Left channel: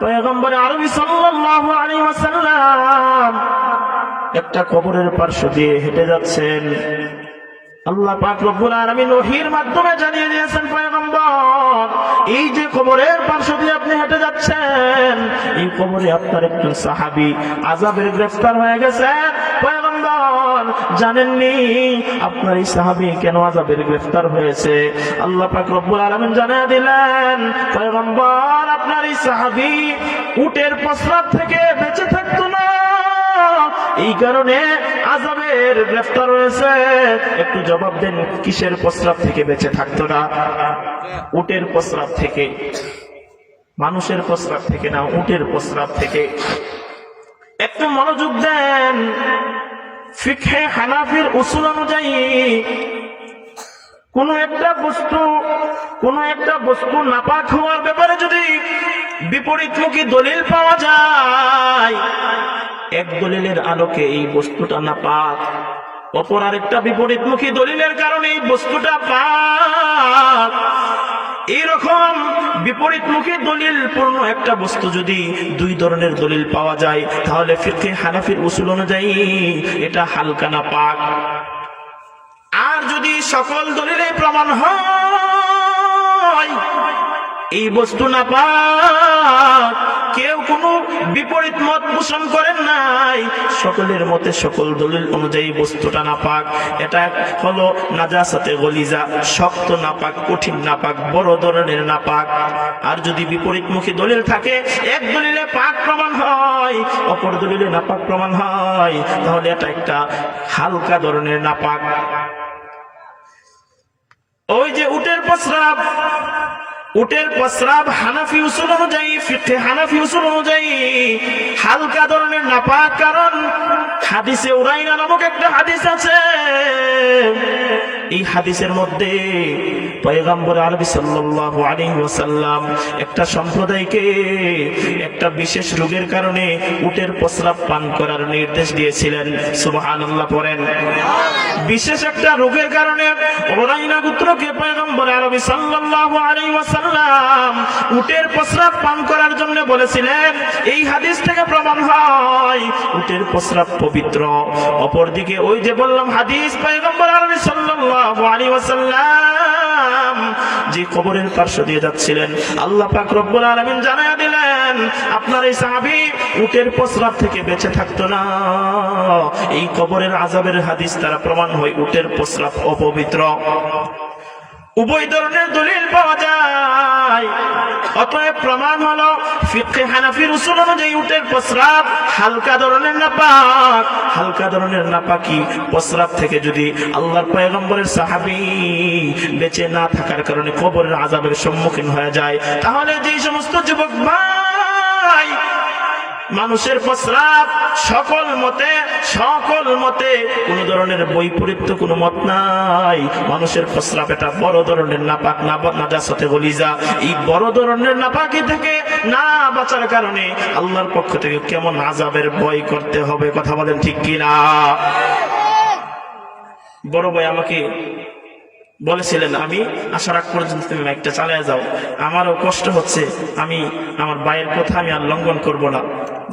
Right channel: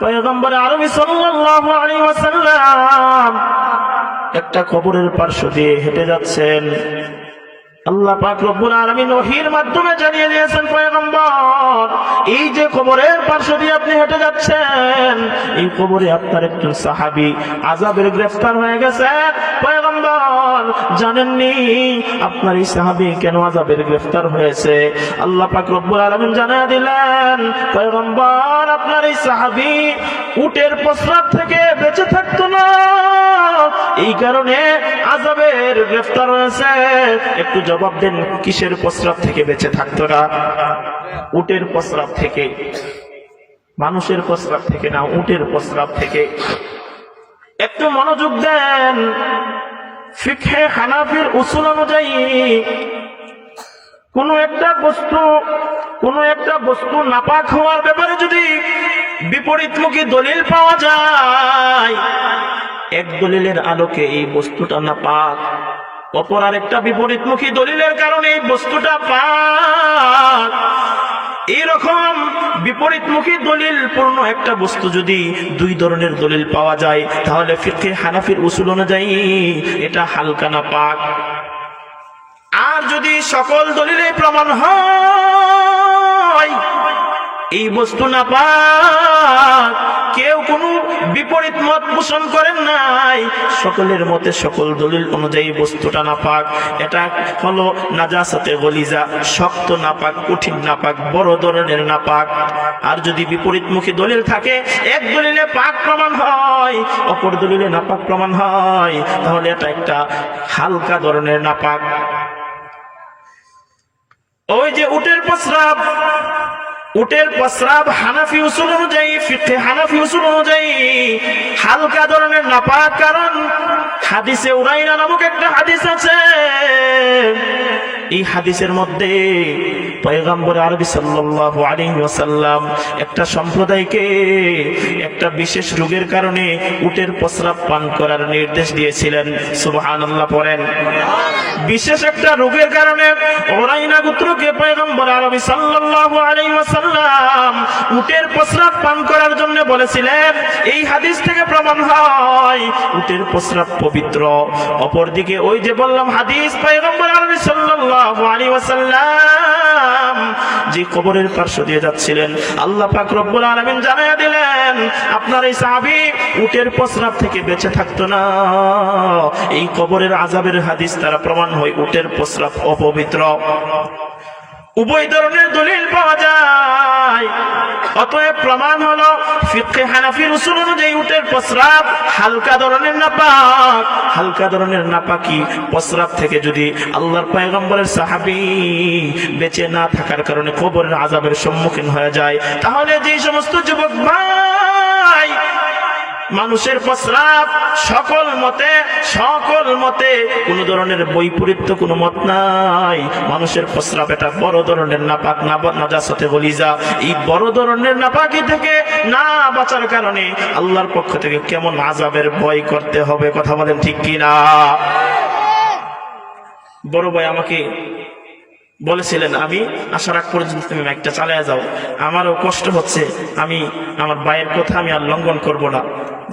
পয়গম্বর আরবি সাল্লাল্লাহু আলাইহি ওয়াসাল্লাম একটা কবরের পার্শ্ব দিয়ে হেঁটে যাচ্ছেন। আল্লাহ পাক রব্বুল আলামিন ওহীর মাধ্যমে জানিয়ে দিয়েছেন, পয়গম্বর এই যে কবরের পার্শ্ব দিয়ে আপনি হেঁটে যাচ্ছেন, এই কবরে আপনার একজন সাহাবী আযাবের গ্রেফতার হয়ে গেছে। পয়গম্বর জানেননি আপনার এই সাহাবী কেন আযাবের গ্রেফতার হয়েছে? আল্লাহ পাক রব্বুল আলামিন জানিয়ে দিলেন, পয়গম্বর আপনার এই সাহাবী উটের প্রস্রাব থেকে বেঁচে থাকতো না, এই কারণে আযাবের গ্রেফতার হয়েছে। একটু জবাব দেন, কিসের প্রস্রাব থেকে বেঁচে থাকতো না? উটের প্রস্রাব থেকে, মানুষের প্রস্রাব থেকে না, উটের প্রস্রাব থেকে। একটু মনোযোগ দেন, ফিকহে হানাফির উসুল অনুযায়ী কোন একটা বস্তু নাপাক হওয়ার ব্যাপারে যদি বিপরীতমুখী দলিল পাওয়া যায়, এক দলিলের আলোকে এই বস্তুটা নাপাক, অপর আরেকটা বিপরীতমুখী দলিলের কারণে এই বস্তুটা পাক, এইরকম বিপরীতমুখী দলিল পূর্ণ একটা বস্তু যদি দুই ধরনের দলিল পাওয়া যায়, তাহলে ফিকহে হানাফির উসুল অনুযায়ী এটা হালকা নাপাক। আর যদি সকল দলিলে প্রমাণ হয় এই বস্তু নাপাক, কেউ কোনো বিপরীত মত পোষণ করেন নাই, সকলের মতে সকল দলিল অনুযায়ী বস্তুটা নাপাক, এটা হলো নাজাসাতে গলিজা, শক্ত নাপাক, কঠিন নাপাক, বড় ধরনের নাপাক। আর যদি বিপরীতমুখী দলিল থাকে, এক দলিলে পাক প্রমাণ হয়, অপর দলিলে নাপাক প্রমাণ হয়, তাহলে এটা একটা হালকা ধরনের নাপাক। ওই যে উটের প্রস্রাব হানাফি উসুল অনুযায়ী, ফিকহে হানাফি উসুল অনুযায়ী হালকা ধরনের নাপাক, কারণ হাদিসে উরাইনা নামক একটা হাদিস আছে। এই হাদিসের মধ্যে পয়গম্বর আরবি সাল্লাল্লাহু আলাইহি ওয়াসাল্লাম একটা সম্প্রদায়কে একটা বিশেষ রোগের কারণে উটের প্রস্রাব পান করার নির্দেশ দিয়েছিলেন। সুবহানাল্লাহ পড়েন। বিশেষ একটা রোগের কারণে উরাইনা গোত্রকে পয়গম্বর আরবি সাল্লাল্লাহু আলাইহি ওয়াসাল্লাম উটের প্রস্রাব পান করার জন্য বলেছিলেন। এই হাদিস থেকে প্রমাণ হয় উটের প্রস্রাব পবিত্র। অপরদিকে ওই যে বললাম হাদিস, পয়গম্বর আরবি সাল্লাল্লাহু আলাইহি ওয়াসাল্লাম যে কবরের পার্শ্ব দিয়ে যাচ্ছিলেন, আল্লাহ পাক রব্বুল আলামিন জানিয়ে দিলেন আপনার এই সাহাবী উটের প্রস্রাব থেকে বেঁচে থাকতো না। এই কবরের আযাবের হাদিস দ্বারা প্রমাণ হয় উটের প্রস্রাব অপবিত্র। উভয় ধরনের দলিল পাওয়া যায়, অতএব প্রমাণ হলো ফিকহে হানাফির উসুল অনুযায়ী উটের প্রস্রাব হালকা ধরনের নাপাক। হালকা ধরনের নাপাকি প্রস্রাব থেকে যদি আল্লাহর পয়গম্বরের সাহাবী বেঁচে না থাকার কারণে কবরের আযাবের সম্মুখীন হয়ে যায়, তাহলে যে সমস্ত যুবক ভাই মানুষের প্রস্রাব সকল মতে কোন ধরনের বৈপরীত্য কোন মত নাই, মানুষের প্রস্রাব এটা বড় ধরনের নাপাক, না নাজাসাতে গলিজা। এই বড় ধরনের নাপাকি থেকে না বাঁচার কারণে আল্লাহর পক্ষ থেকে কেমন আযাবের ভয় করতে হবে, কথা বলেন ঠিক কিনা? বড় ভাই আমাকে বলেছিলেন, আমি আসার আগ পর্যন্ত তুমি মাইকটা চালিয়ে যাও, আমারও কষ্ট হচ্ছে, আমি আমার ভাইয়ের কথা আমি আর লঙ্ঘন করব না।